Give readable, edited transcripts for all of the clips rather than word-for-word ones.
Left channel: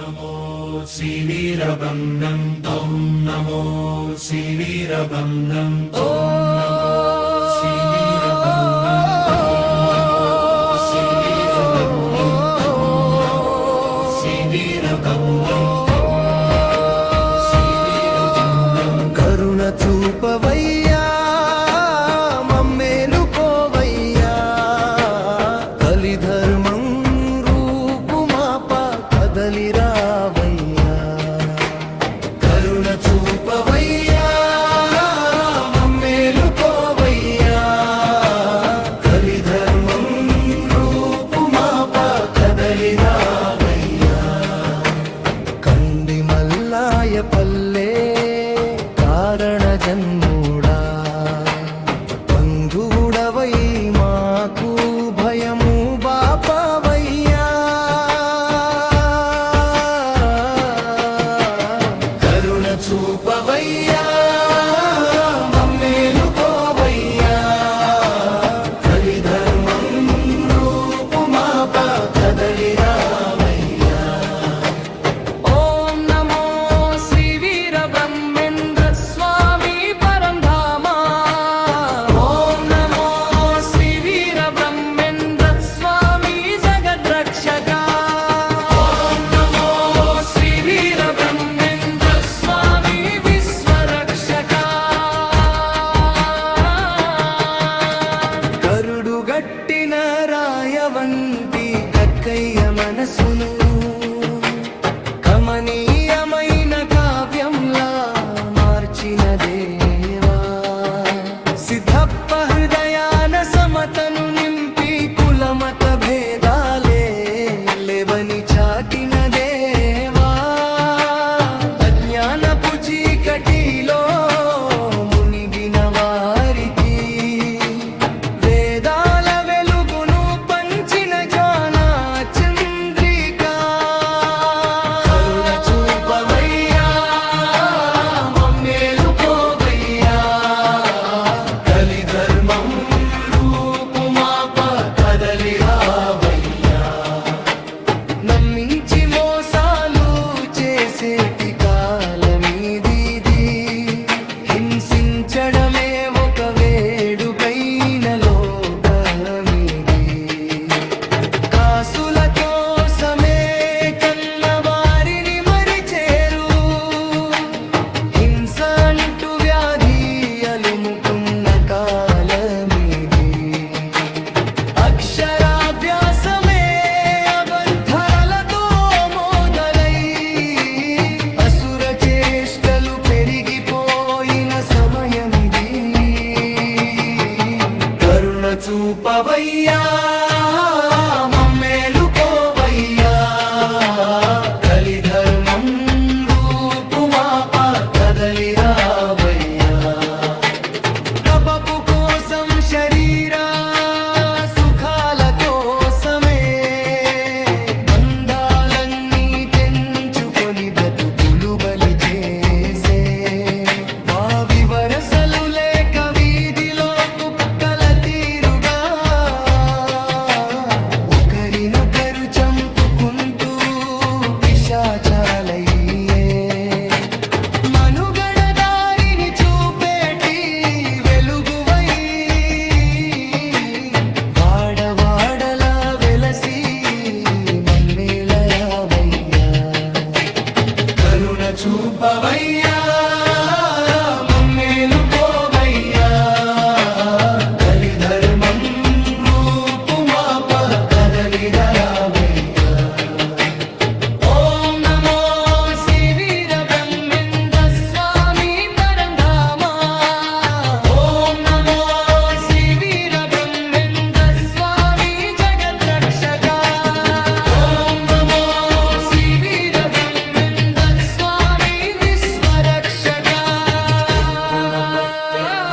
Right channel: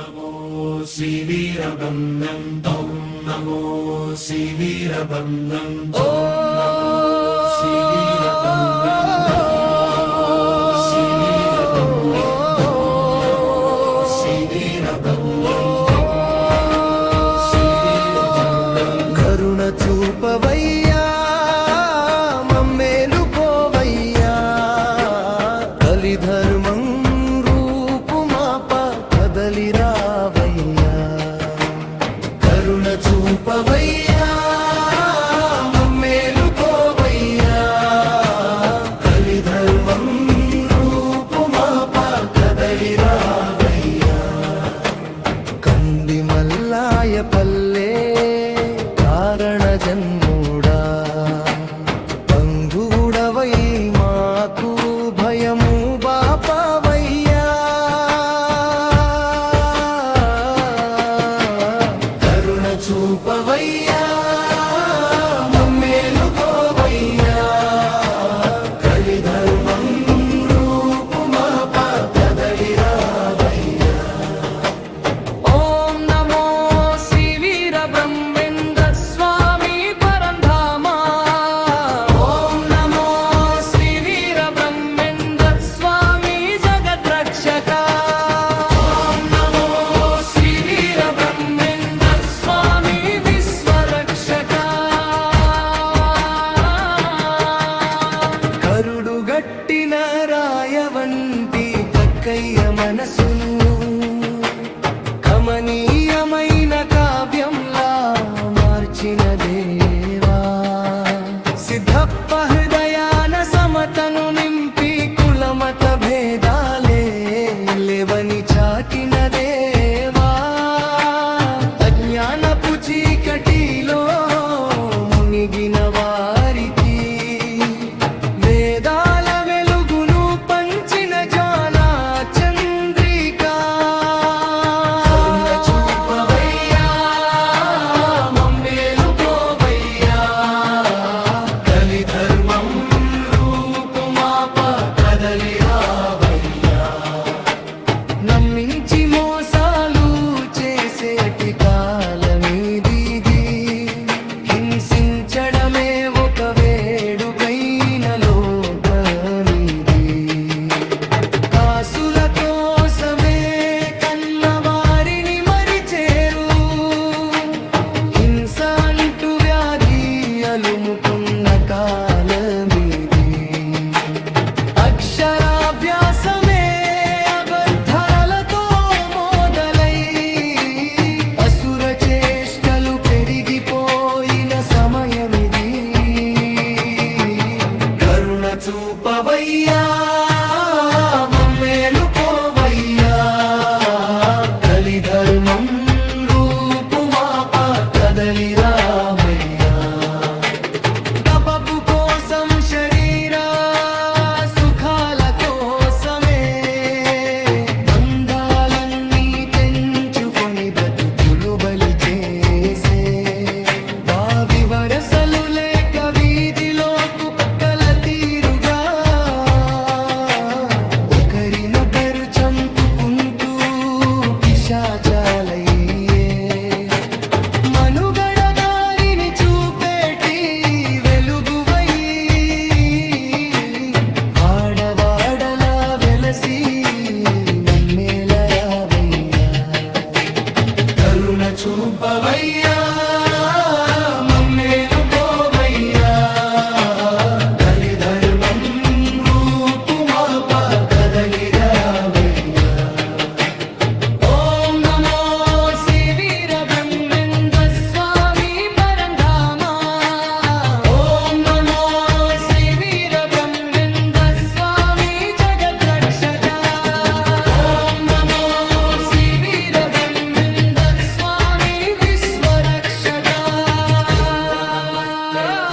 నమో శ్రీవీరభద్రం తం నమో శ్రీవీరభద్రం కరుణ చూపవయ్యా మమ్మేలుకోవయ్యా కలిధర్మం రూపుమాప కదలిరావయ్యా కరుణ చూపవయ్యా మమ్మేలుకోవయ్యా కలిధర్మం రూపుమాప కదలిరావయ్యా కంది మల్లాయ పల్లె కారణ జన్ముడా బంధువుడవై మాకు భయము బాపవయ్యా కరుణ చూపవయ్యా మమ్మేలుకోవయ్యా కలిధర్మం రూపుమాప కదలిరావయ్యా ఓం నమో శ్రీ వీర బ్రహ్మేంద్ర స్వామి పరంధామా ఓం నమో శ్రీ వీర బ్రహ్మేంద్ర స్వామి జగద్రక్షక ఓం నమో శ్రీ వీర బ్రహ్మేంద్ర స్వామి విశ్వరక్షక కరుడుగట్టిన రాయవంటి కక్కయ్య మనసును కమనీయమైన కావ్యంలా మార్చిన దేవా సిద్ధప్ప హృదయాన సమతను నింపి కులమత భేదాలే లేవని చాటిన దేవా అజ్ఞానపు చీకటిలో మునిగిన వారికి వేదాల వెలుగును పంచిన జ్ఞానా చంద్రికా కరుణ చూపవయ్యా మమ్మేలుకోవయ్యా కలిధర్మం రూపుమాప కదలిరావయ్యా నమ్మించి మోసాలు చేసేటి కాలమీదీది హింసించడమే ఒక వేడుకైన లోకమీది కాసుల కోసమే కన్నవారిని మరిచేరు హింస అంటూ వ్యాధి అలుముకున్న కాలమీది అక్షరాభ్యాసమే అబద్ధాలతో మొదలై అసుర చేష్టలు పెరిగిపోయిన సమయమిది కరుణ చూపవయ్యా మమ్మేలుకోవయ్యా కలిధర్మం రూపుమాప కదలిరావయ్యా డబ్బు కోసం శరీర సుఖాల కోసమే బంధాలన్నీ తెంచుకొని బ్రతుకులు బలి చేసే వావి వరసలు లేక వీధిలో కుక్కల తీరుగా ఒకరినొకరు చంపుకుంటూ పిశాచాలయ్యే మనుగడ దారిని చూపేటి వెలుగువై వాడవాడలా వెలసి మమ్మేలరావయ్యా కరుణ చూపవయ్యా మమ్మేలుకోవయ్యా కలిధర్మం రూపుమాప కదలిరావయ్యా ఓం నమో శ్రీ వీర బ్రహ్మేంద్ర స్వామి పరంధామా ఓం నమో శ్రీ వీర బ్రహ్మేంద్ర స్వామి జగద్రక్షక ఓం నమో శ్రీ వీర బ్రహ్మేంద్ర స్వామి విశ్వరక్షక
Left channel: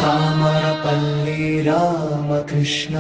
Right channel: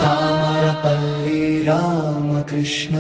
తామరపల్లి రామకృష్ణ